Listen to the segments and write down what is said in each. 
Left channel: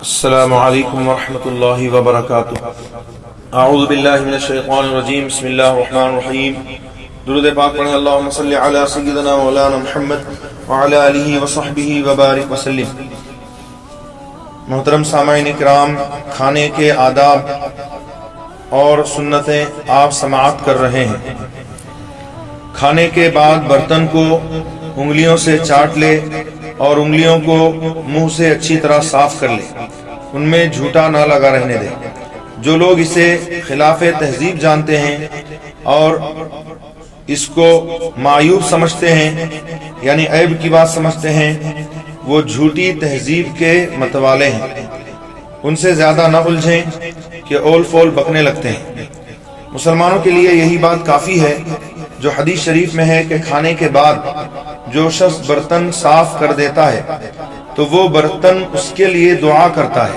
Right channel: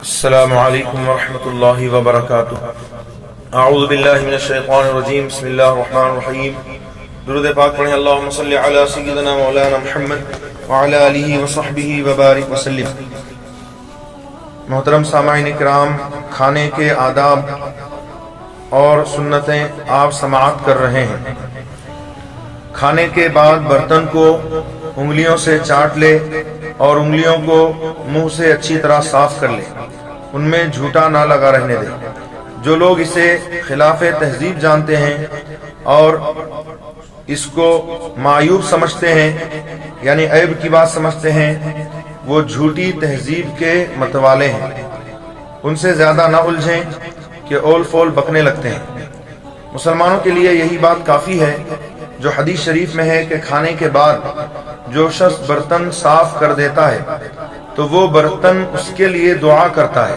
السلام علیکم ورحمۃ اللہ وبرکاتہ۔ اعوذ باللہ من الشیطان الرجیم، بسم اللہ الرحمن الرحیم۔ درود پاک پڑھیں، اللہم صلی علی سیدنا مولانا محمد وعلی آلہ وصحبہ وبارک وسلم۔ محترم سامعین کرام، کھانے کے آداب اور سنتیں آپ سماعت کر رہے ہیں۔ کھانے کے بعد برتن کو انگلیوں سے چاٹ لے اور انگلیوں کو منہ سے اچھی طرح صاف کر لے، ان میں جھوٹا نہ لگا رہنے دے۔ جو لوگ اسے خلاف تہذیب جانتے ہیں اور اس کو معیوب سمجھتے ہیں، یعنی عیب کی بات سمجھتے ہیں، وہ جھوٹی تہذیب کے متوالے ہیں۔ ان سے زیادہ نہ الجھیں کہ اول فول بکنے لگتے ہیں۔ مسلمانوں کے لیے یہی بات کافی ہے جو حدیث شریف میں ہے کہ کھانے کے بعد جو شخص برتن صاف کر دیتا ہے تو وہ برتن اس کے لیے دعا کرتا ہے،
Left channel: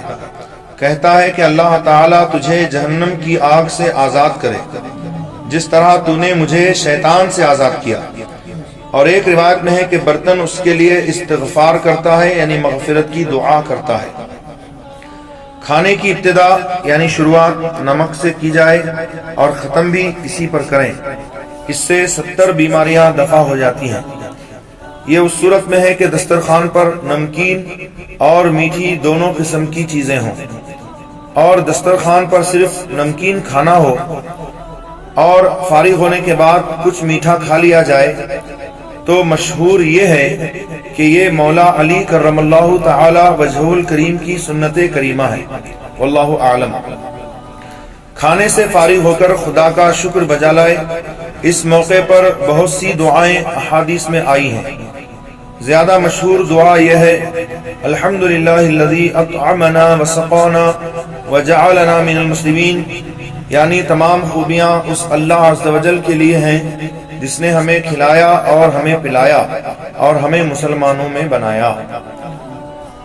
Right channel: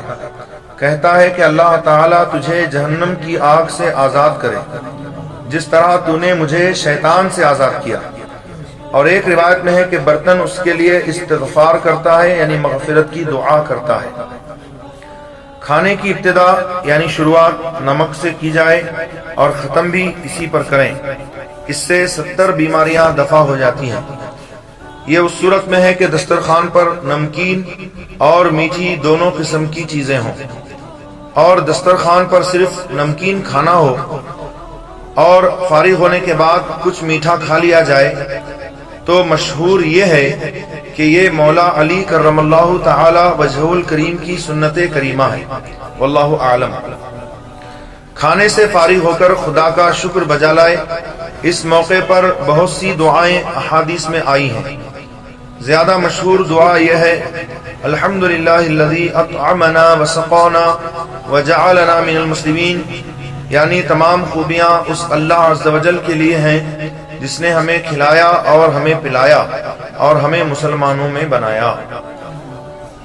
کہتا ہے کہ اللہ تعالیٰ تجھے جہنم کی آگ سے آزاد کرے جس طرح تو نے مجھے شیطان سے آزاد کیا۔ اور ایک روایت میں ہے کہ برتن اس کے لیے استغفار کرتا ہے، یعنی مغفرت کی دعا کرتا ہے۔ کھانے کی ابتدا یعنی شروعات نمک سے کی جائے اور ختم بھی اسی پر کریں، اس سے 70 بیماریاں دفع ہو جاتی ہیں۔ یہ اس صورت میں ہے کہ دسترخوان پر نمکین اور میٹھی دونوں قسم کی چیزیں ہوں، اور دسترخوان پر صرف نمکین کھانا ہو اور فارغ ہونے کے بعد کچھ میٹھا کھا لیا جائے تو مشہور یہ ہے کہ یہ مولا علی کرم اللہ تعالی وجہہ الکریم کی سنت کریمہ ہے، واللہ اعلم۔ کھانے سے فارغ ہو کر خدا کا شکر بجا لائے۔ اس موقع پر بہت سی دعائیں احادیث میں آئی ہیں۔ زیادہ مشہور دعا یہ ہے، الحمدللہ الذی اطعمنا وسقانا وجعلنا من المسلمین، یعنی تمام خوبیاں اس اللہ عز و جل کے لیے ہیں جس نے ہمیں کھلایا اور ہمیں پلایا اور ہمیں مسلمانوں میں بنایا۔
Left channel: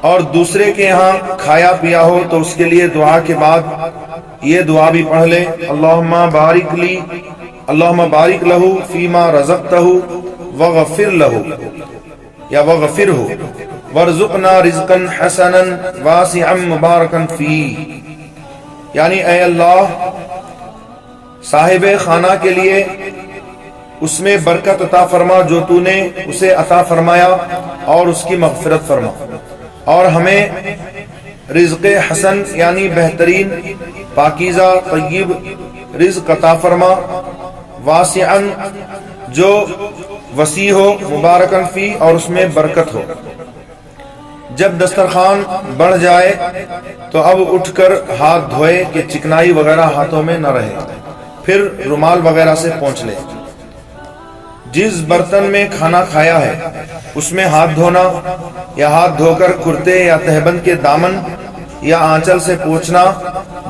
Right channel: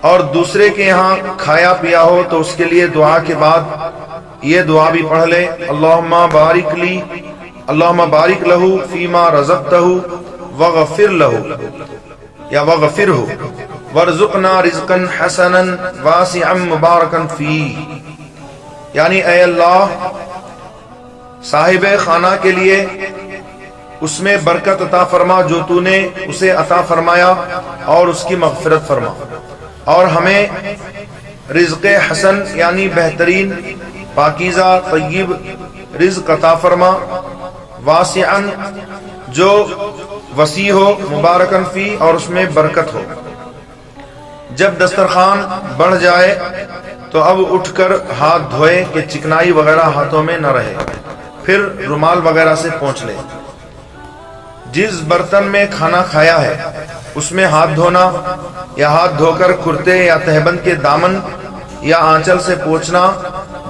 اور دوسرے کے یہاں کھایا پیا ہو تو اس کے لیے دعا کے بعد یہ دعا بھی پڑھ لے، اللہم بارک لہ فیما رزقتہ وغفر لہ یا وغفرہ وارزقنا رزقا حسنا واسعا مبارکا فیہ، یعنی اے اللہ صاحب خانہ کے لیے اس میں برکت عطا فرما جو تو نے اسے عطا فرمایا اور اس کی مغفرت فرما، اور ہمیں رزق حسن یعنی بہترین پاکیزہ طیب رزق عطا فرما، واسعا جو وسیع ہو، مبارکن فی اور اس میں برکت ہو۔ جب دسترخوان بڑھ جائے تو اب اٹھ کر ہاتھ دھوئے کہ چکنائی وغیرہ ہاتھوں میں نہ رہے، پھر رومال وغیرہ سے پونچھ لے۔ جس برتن میں کھانا کھایا ہے اس میں ہاتھ دھونا یا ہاتھ دھو کر کرتے یا تہبند کے دامن یا آنچل سے پوچھنا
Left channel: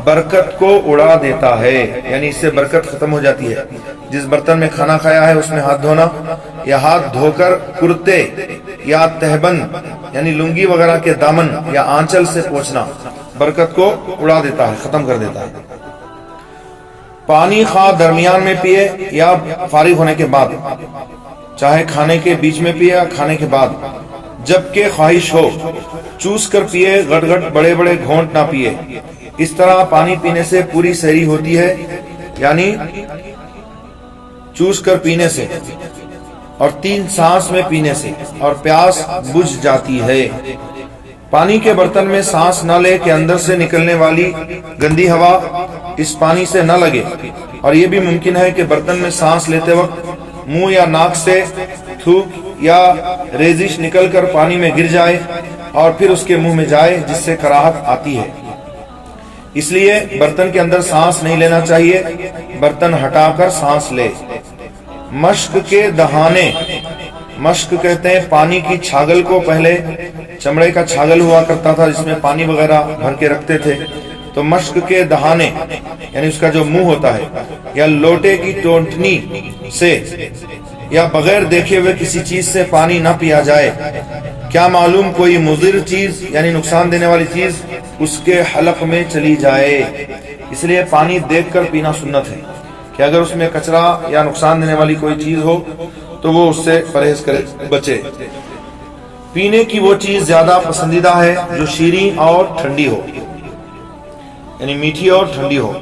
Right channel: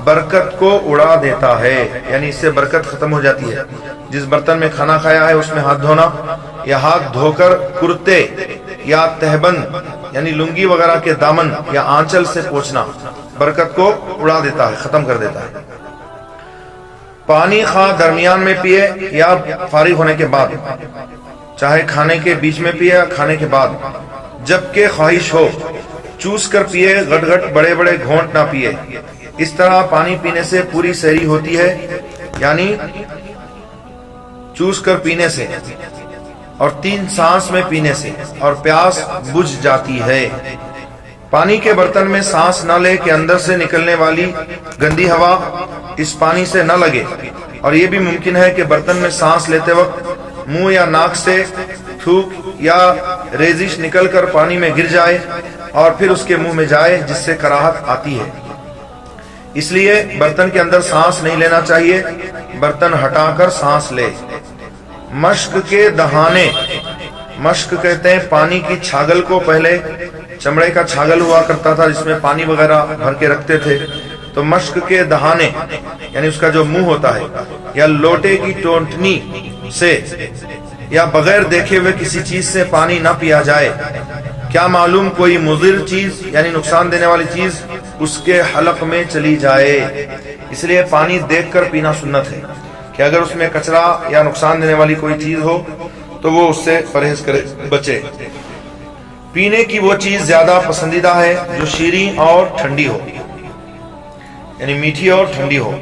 برکت کو اڑا دیتا ہے، یعنی اس سے برکت ختم ہو جاتی ہے۔ جس برتن میں کھانا کھایا ہے اس میں ہاتھ دھونا یا ہاتھ دھو کر کرتے یا تہبند یعنی لنگی وغیرہ کے دامن یا آنچل سے پوچھنا برکت کو اڑا دیتا ہے، ختم کر دیتا ہے۔ پانی خواہ درمیان میں پیے یا فارغ ہونے کے بعد، چاہے کھانے کے بیچ میں پیے یا کھانے کے بعد، جبکہ خواہش ہو چوس کر پیے، گٹ گٹ بڑے بڑے گھونٹ نہ پیے۔ اس طرح پانی پینے سے پوری سحری ہوتی ہے، یعنی چوس کر پینے سے اور 3 سانس میں پینے سے، اور پیاس بجھ جاتی ہے۔ پانی کے برتن میں سانس نہ لے کہ اندر سے نکلنے والی گندی ہوا اس پانی سے نہ لگے، اور یہ بھی ممکن ہے کہ برتن میں سانس لیتے وقت منہ یا ناک سے تھوک یا ریزش نکل کر پانی میں گر جائے اور پھر اس کے منہ میں جائے، جس سے کراہت آتی ہے۔ اس لیے برتن کے اندر سانس نہیں لینا چاہیے، برتن ہٹا کر سانس لے۔ مشق کے دہانے، مشق کہتے ہیں پانی کی چھاگل کو، پہلے چمڑے کا چھاگل ہوا کرتا تھا جس میں پانی وغیرہ بھر کے رکھتے تھے، تو مشق کے دہانے یعنی اس کا جو منہ ہوتا ہے، یا لوٹے کی ٹونٹنی سے یا بغیر دیکھے ہوئے کسی چیز سے پانی نہ پیا جائے، کیا معلوم کوئی مضر چیز یعنی نقصان دینے والی چیز اس کے حلق میں چلی جائے۔ اس لیے پانی دیکھ کر پینا سنت ہے کہ اگر اس میں کچرا یا نقصان دینے والی کوئی چیز ہو تو وہ اس سے پرہیز کرے، بچے۔ پینے کی وہ چیز زیادہ پسندیدہ ہے جو شیریں اور ٹھنڈی ہو، یعنی میٹھی اور ٹھنڈی ہو،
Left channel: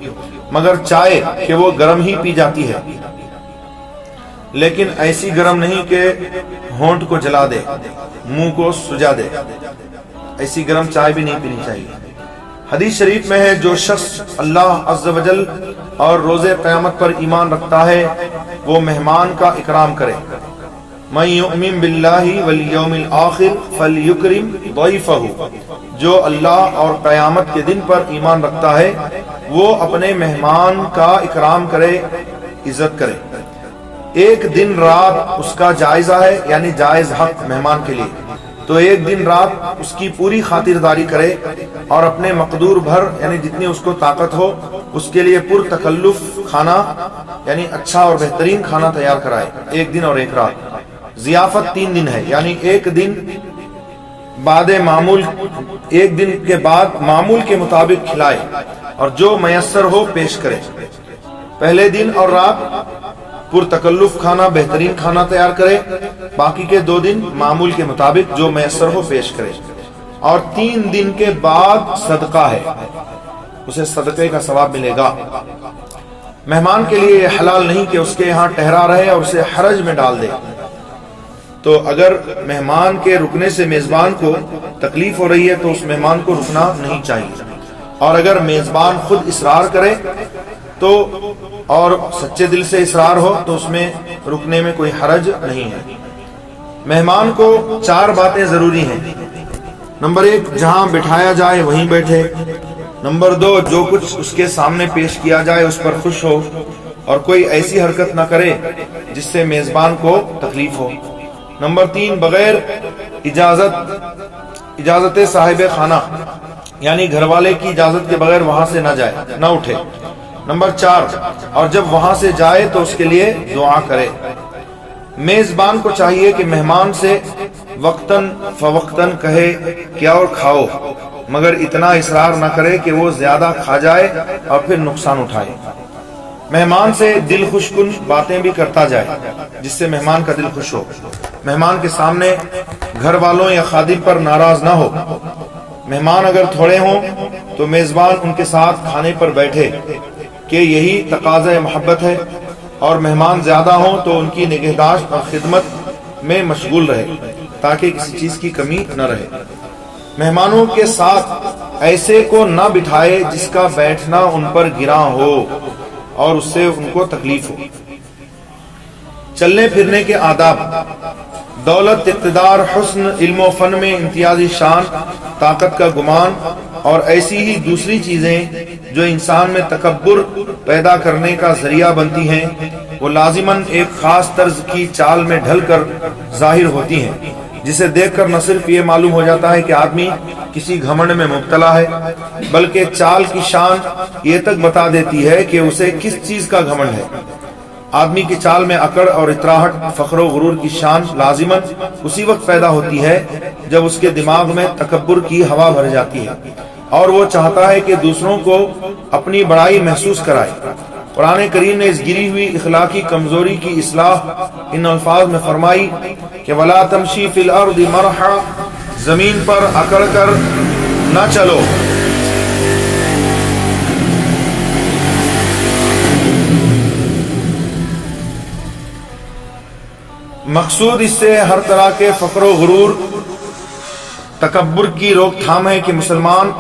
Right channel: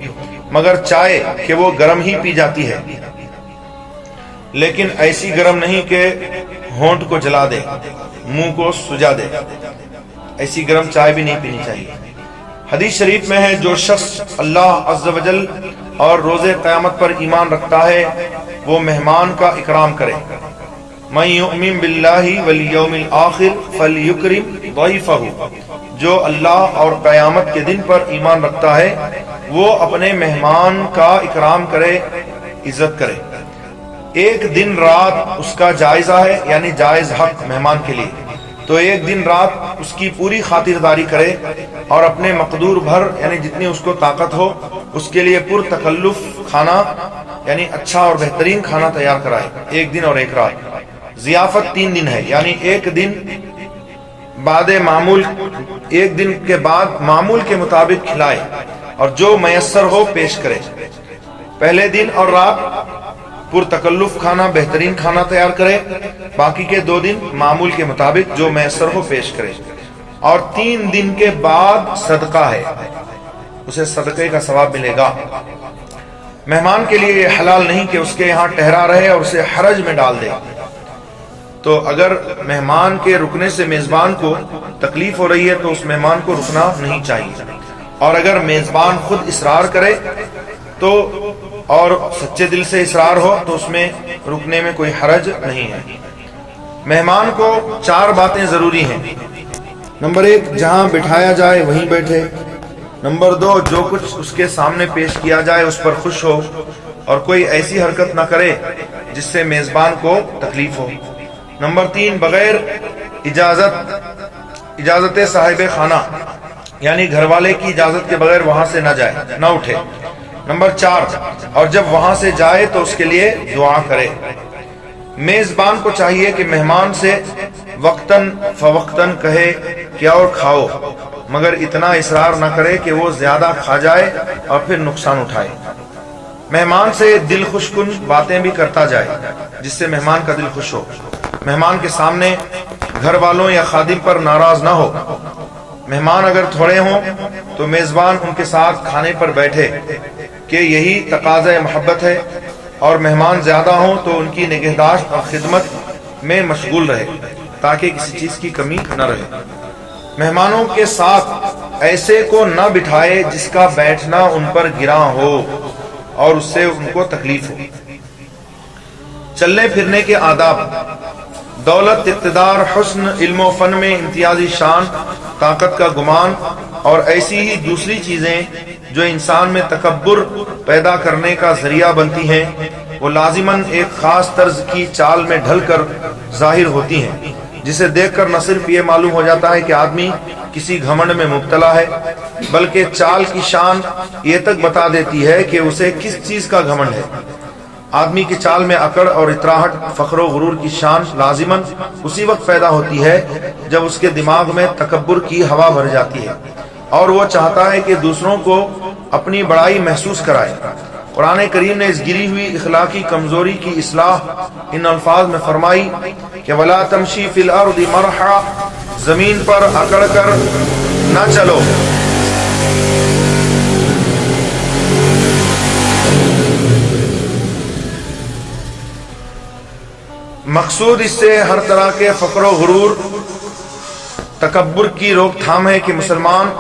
مگر چائے کہ وہ گرم ہی پی جاتی ہے، لیکن ایسی گرم نہیں کہ ہونٹ کو جلا دے، منہ کو سجا دے، ایسی گرم چائے بھی نہیں پینی چاہیے۔ حدیث شریف میں ہے جو شخص اللہ عز و جل اور روز قیامت پر ایمان رکھتا ہے وہ مہمان کا اکرام کرے۔ من یؤمن باللہ والیوم الآخر فلیکرم ضیفہ، جو اللہ اور قیامت کے دن پر ایمان رکھتا ہے وہ اپنے مہمان کا اکرام کرے، عزت کرے۔ ایک دن رات اس کا جائزہ ہے، یعنی جائز حق مہمان کے لیے، تو ایک دن رات اس کی پوری خاطرداری کرے اور اپنے مقدور بھر یعنی جتنی اس کو طاقت ہو اس کے لیے پر تکلف کھانا یعنی اچھا اور بہترین کھانا تیار کرائے، ایک دن اور ایک رات۔ ضیافت 3 دن ہے، یعنی ایک دن بعد معمول، ایک دن کے بعد معمول کے مطابق کھلائے اور جو میسر ہو پیش کرے۔ پہلے دن اور رات پر تکلف کھانا، بہترین کھانا تیار کرے، باقی کے 2 دن معمول کے مطابق جو میسر ہو پیش کرے، اور 3 دن کے بعد صدقہ ہے، اسے صدقے کا ثواب ملے گا۔ مہمان کے لیے یہ حلال نہیں کہ اس کے یہاں ٹھہرا رہے اور اسے حرج میں ڈال دے۔ تو اگر مہمان کے رکنے سے میزبان کو تکلیف ہو رہی ہے تو اس مہمان کو رکنا نہیں چاہیے، اور اگر میزبان خود اصرار کرے تو اور سچے دل سے اصرار ہو تو اس میں رکنے میں کوئی حرج نہیں ہے۔ مہمان کو 4 باتیں ضروری ہیں۔ نمبر 1، جہاں بٹھایا جائے وہیں بیٹھے۔ نمبر 2، جو کچھ اس کے سامنے پیش کیا جائے اس پر خوش ہو اور کوئی ایسی حرکت نہ کرے جس سے میزبان کو تکلیف ہو۔ نمبر 3، بغیر اجازت صاحب خانہ، یعنی گھر والے کی اجازت کے بغیر وہاں سے نہ جائے، نہ اٹھے۔ نمبر 4، اور جب وہاں سے جائے تو اس کے لیے دعا کرے۔ میزبان کو چاہیے کہ مہمان سے وقتاً فوقتاً کہے کیا اور کھاؤ، مگر اتنا اصرار نہ کرے کہ وہ زیادہ کھا جائے اور پھر نقصان اٹھائے۔ مہمان سے دل خوش کن باتیں بھی کرتا جائے جس سے مہمان کا دل خوش ہو۔ مہمان کے سامنے گھر والوں یا خادم پر ناراض نہ ہو۔ مہمان اگر تھوڑے ہوں تو میزبان ان کے ساتھ کھانے پر بیٹھے کہ یہی تقاضۂ محبت ہے، اور مہمان زیادہ ہوں تو ان کی نگہداشت اور خدمت میں مشغول رہے تاکہ کسی چیز کی کمی نہ رہے۔ مہمانوں کے ساتھ ایسے کو نہ بٹھائے جس کا بیٹھنا ان پر گراں ہو اور اس سے ان کو تکلیف ہو۔ چلنے پھرنے کے آداب: دولت، اقتدار، حسن، علم و فن میں امتیازی شان، طاقت کا گمان اور ایسی ہی دوسری چیزیں جو انسان میں تکبر پیدا کرنے کا ذریعہ بنتی ہیں وہ لازماً ایک خاص طرز کی چال میں ڈھل کر ظاہر ہوتی ہیں، جسے دیکھ کر نہ صرف یہ معلوم ہو جاتا ہے کہ آدمی کسی گھمنڈ میں مبتلا ہے، بلکہ چال کی شان یہ تک بتا دیتی ہے کہ اسے کس چیز کا گھمنڈ ہے۔ آدمی کی چال میں اکڑ اور اطراحٹ، فخر و غرور کی شان لازماً اسی وقت پیدا ہوتی ہے جب اس کے دماغ میں تکبر کی ہوا بھر جاتی ہے اور وہ چاہتا ہے کہ دوسروں کو اپنی بڑائی محسوس کرائے۔ قرآن کریم نے اس گری ہوئی اخلاقی کمزوری کی اصلاح ان الفاظ میں فرمائی کہ وَلَا تَمْشِي فِي الْأَرْضِ مَرْحًا، زمین پر اکڑ کر نہ چلو۔ مقصود اس سے ہر طرح کے فقر و غرور، تکبر کی روک تھام ہے کہ مسلمان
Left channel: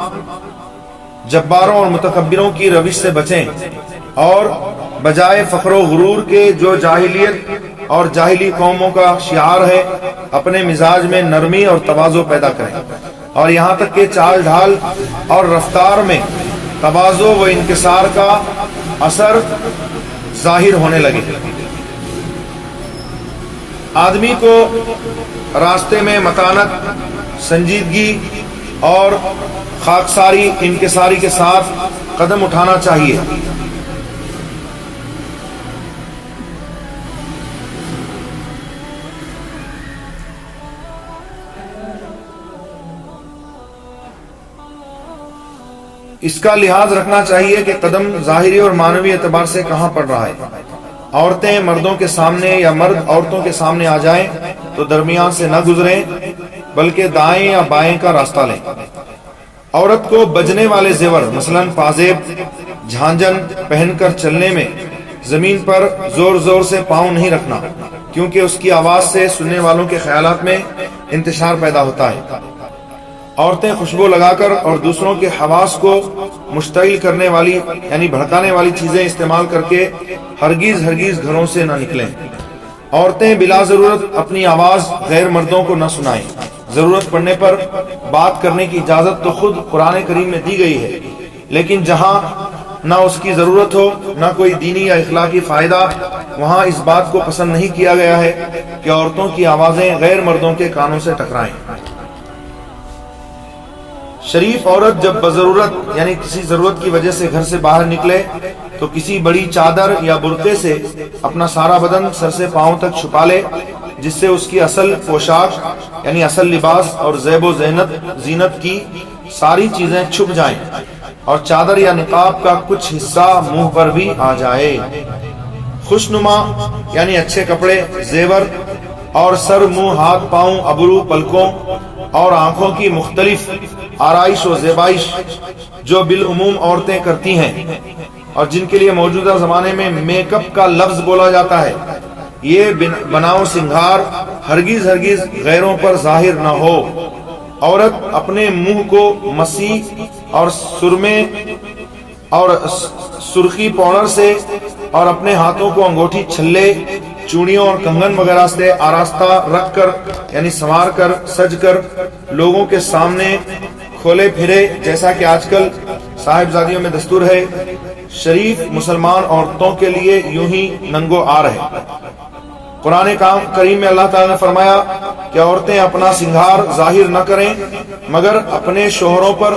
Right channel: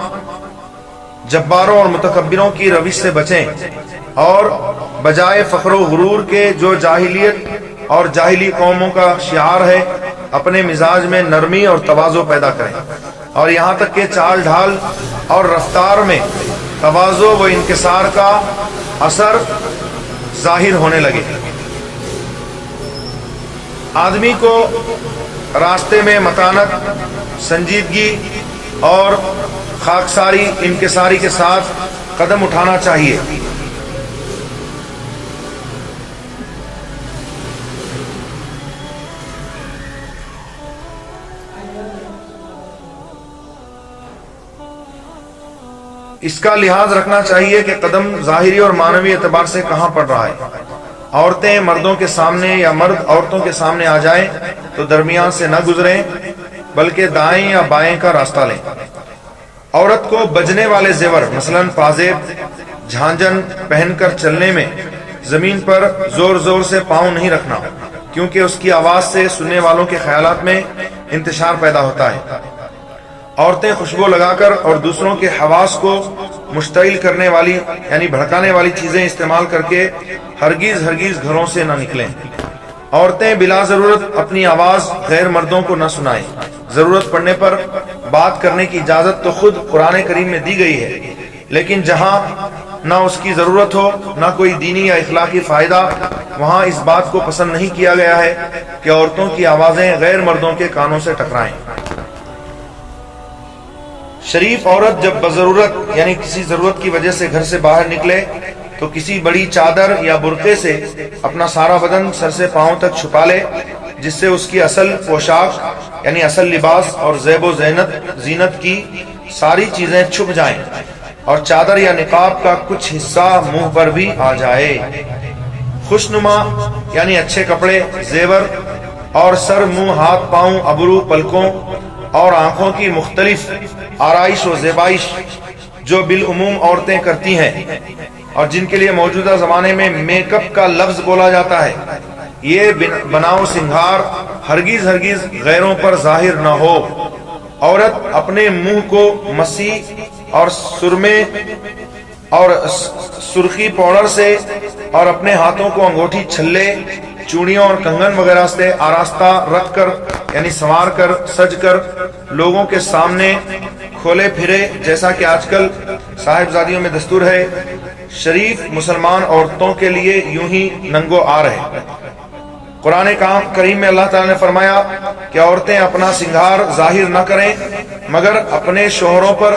جباروں اور متکبروں کی روش سے بچیں اور بجائے فخر و غرور کے جو جاہلیت اور جاہلی قوموں کا شعار ہے اپنے مزاج میں نرمی اور تواضع پیدا کریں، اور یہاں تک کہ چال ڈھال اور رفتار میں تواضع و انکسار کا اثر ظاہر ہونے لگے۔ آدمی کو راستے میں متانت، سنجیدگی اور خاکساری، انکساری کے ساتھ قدم اٹھانا چاہیے۔ اس کا لحاظ رکھنا چاہیے کہ قدم ظاہری اور معنوی اعتبار سے کہاں پڑ رہا ہے۔ عورتیں مردوں کے سامنے یا مرد عورتوں کے سامنے آ جائیں تو درمیان سے نہ گزریں بلکہ دائیں یا بائیں کا راستہ لیں۔ عورت کو بجنے والے زیور مثلا پازیب، جھانجن پہن کر چلنے میں زمین پر زور زور سے پاؤں نہیں رکھنا، کیونکہ اس کی آواز سے سننے والوں کے خیالات میں انتشار پیدا ہوتا ہے۔ عورتیں خوشبو لگا کر اور دوسروں کے حواس کو مشتعل کرنے والی یعنی بھڑکانے والی چیزیں استعمال کر کے ہرگز گھروں سے نہ نکلیں۔ عورتیں بلا ضرورت اپنی آواز غیر مردوں کو نہ سنائیں۔ ضرورت پڑنے پر بات کرنے کی اجازت تو خود قرآن کریم میں دی گئی ہے، لیکن جہاں نہ اس کی ضرورت ہو نہ کوئی دینی یا اخلاقی فائدہ، وہاں اس بات کو پسند نہیں کیا گیا ہے کہ عورتوں کی آوازیں غیر مردوں کے کانوں سے ٹکرائیں۔ شریف عورت جب بضرورت یعنی کسی ضرورت کی وجہ سے گھر سے باہر نکلے تو کسی بڑی چادر یا برقعے سے اپنا سارا بدن سر سے پاؤں تک چھپا لے، جس سے اس کی اصل پوشاک یعنی اصل لباس اور زیب و زینت کی ساری چیزیں چھپ جائیں اور چادر یا نقاب کا کچھ حصہ منہ پر بھی آ جائے۔ خوشنما یعنی اچھے کپڑے، زیور اور سر، منہ، ہاتھ، پاؤں، ابرو، پلکوں اور آنکھوں کی مختلف آرائش و زیبائش جو بالعموم عورتیں کرتی ہیں اور جن کے لیے موجودہ زمانے میں میک اپ کا لفظ بولا جاتا ہے، یہ بناؤ سنگھار ہرگز غیروں پر ظاہر نہ ہو۔ عورت اپنے منہ کو مسیح اور سرمے اور سرخی پاؤڈر سے اور اپنے ہاتھوں کو انگوٹھی، چھلے، چوڑیوں اور کنگن وغیرہ سے آراستہ رکھ کر یعنی سنوار کر سج کر لوگوں کے سامنے کھولے پھرے، جیسا کہ آج کل صاحبزادیوں میں دستور ہے۔ شریف مسلمان عورتوں کے لیے یوں ہی ننگو آر ہے۔ قرآن کریم میں اللہ تعالیٰ نے فرمایا کہ عورتیں اپنا سنگھار ظاہر نہ کریں مگر اپنے شوہروں پر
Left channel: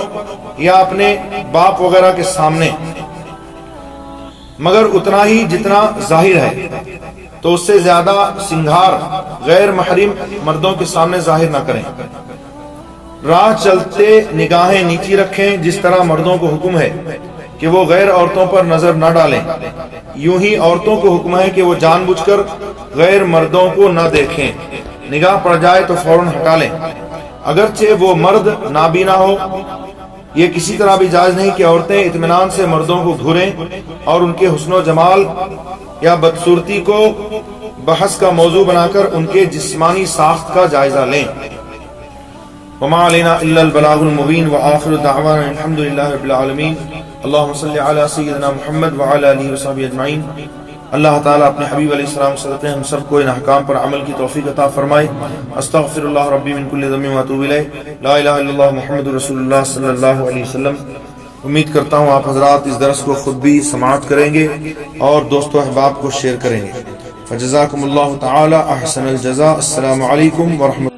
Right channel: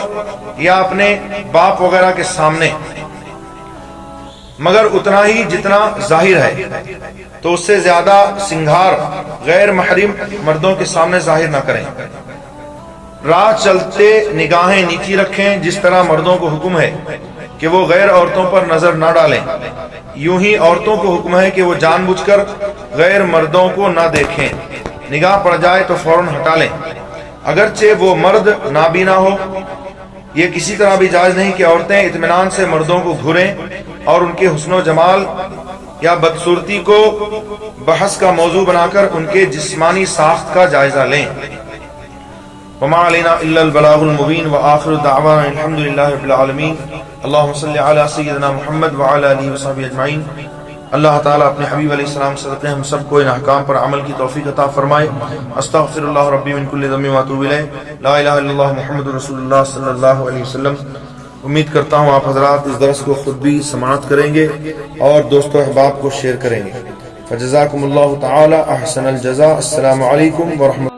یا اپنے باپ وغیرہ کے سامنے، مگر اتنا ہی جتنا ظاہر ہے، تو اس سے زیادہ سنگھار غیر محرم مردوں کے سامنے ظاہر نہ کریں۔ راہ چلتے نگاہیں نیچی رکھیں، جس طرح مردوں کو حکم ہے کہ وہ غیر عورتوں پر نظر نہ ڈالیں، یوں ہی عورتوں کو حکم ہے کہ وہ جان بوجھ کر غیر مردوں کو نہ دیکھیں۔ نگاہ پڑ جائے تو فوراً ہٹا لیں، اگرچہ وہ مرد نابینا ہو۔ یہ کسی طرح بھی جائز نہیں کہ عورتیں اطمینان سے مردوں کو گھوریں اور ان کے حسن و جمال یا بدصورتی کو بحث کا موضوع بنا کر ان کے جسمانی ساخت کا جائزہ لیں۔ وما علینا الا البلاغ المبین وآخر دعوانا الحمد للہ رب العالمین۔ اللہم صلی علی سیدنا محمد وعلی آلہ وصحبہ اجمعین۔ اللہ تعالیٰ اپنے حبیب علیہ السلام صدقے ہم سب کو ان احکام پر عمل کی توفیق عطا فرمائے۔ استغفر اللہ ربی من کل ذنب واتوب الیہ، لا الہ الا اللہ محمد رسول اللہ صلی اللہ علیہ وسلم۔ امید کرتا ہوں آپ حضرات اس درس کو خود بھی سماعت کریں گے اور دوست و احباب کو شیئر کریں گے۔ فجزاکم اللہ تعالی احسن الجزاء۔ السلام علیکم ورحمۃ